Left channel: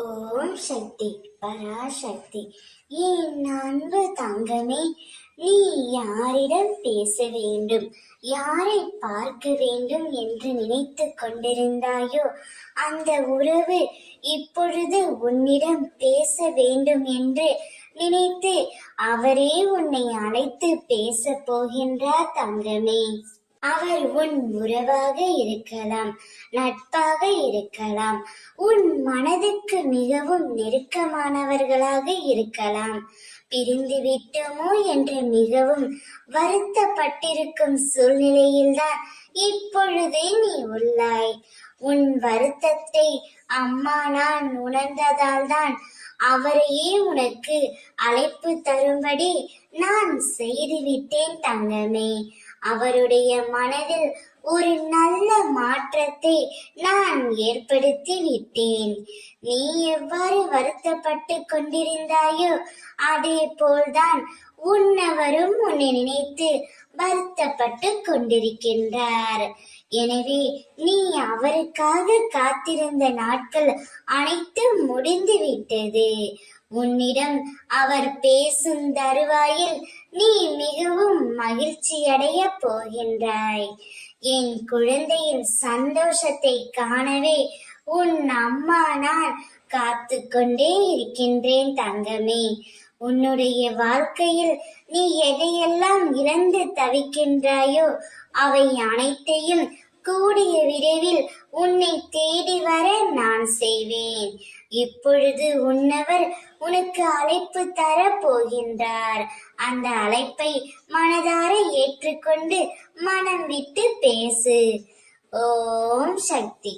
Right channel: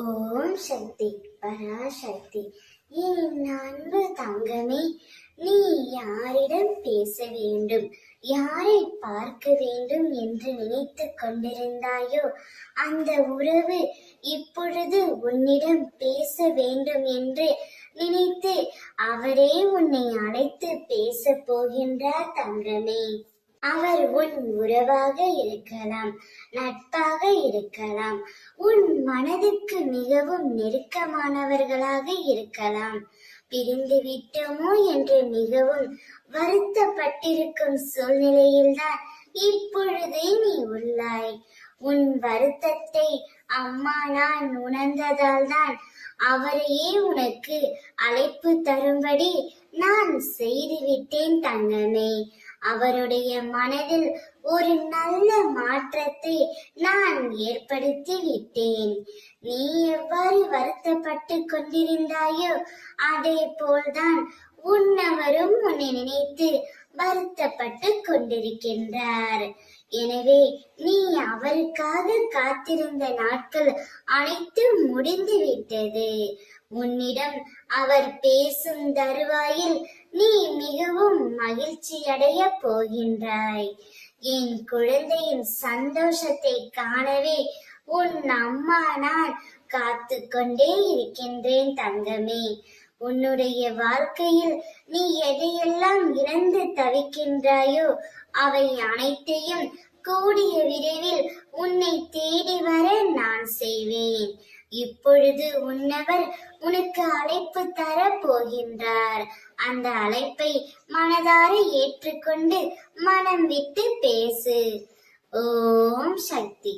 ஓம் சக்தி பராசக்தி. என் அன்பு தங்கமே, நீ யாரிடம் பேச வேண்டும், யாரை பார்க்க வேண்டும் என்று நினைத்து கொண்டிருந்தாயோ அந்த உறவு இப்பொழுது உன்னிடம் பேச வேண்டும் என்று நினைத்து அவரே உன்னை அழைத்து பேச போகின்றார் தங்கமே. அவர் உன் உறவாக இருக்கலாம், நட்பாக இருக்கலாம், உன் மனதுக்கு மிகவும் நெருக்கமானவர்களாக இருக்கலாம். பிரிந்து விட்டோமோ என்று மிகவும் வருத்தப்பட்டிருக்கும் சூழ்நிலையில்தான் இப்பொழுதே நீ உள்ளாய். உன் வருத்தத்தை அம்மா நான் உணர்ந்ததால் தான் அவரையே உனக்கு அழைப்பு தரும்படி நான் செய்துவிட்டேன் தங்கமே. அவருடைய மனதில் ஒரு நல்ல மாற்றத்தை நான் ஏற்படுத்தி விட்டேன். நீ எவ்வாறு வருத்தப்பட்டு கொண்டிருந்தாயோ அதே போல்தான் உன்னவரும் உன்னை நினைத்து வருத்தப்பட்டு கொண்டிருக்கின்றார். எனவே நீ அவருக்காக காத்திருந்த நாட்கள் அனைத்தும் முடிந்து விட்டது. உன்னிடம் அவர் பேசும் தருவாயில் நீ மிகவும் மகிழ்ச்சியடைய போகின்றாய். என் குழந்தையின் சந்தோஷத்தை காணவே உன் அம்மா நான் காத்து கொண்டே இருக்கின்றேன் தங்கமே. உன்னுடைய வாழ்க்கையில் நீ எதையெல்லாம் இழந்து தவிக்கின்றாயோ அவை அனைத்தையும் கூடிய விரைவில் உன்னை தேடி வர நான் செய்வேன். இப்பொழுது உன்னவர் உனக்கு அழைப்பு தர போகின்றார். அந்த அழைப்பை மனதார ஏற்றுக்கொண்டு மனம் விட்டு பேசு. ஓம் சக்தி.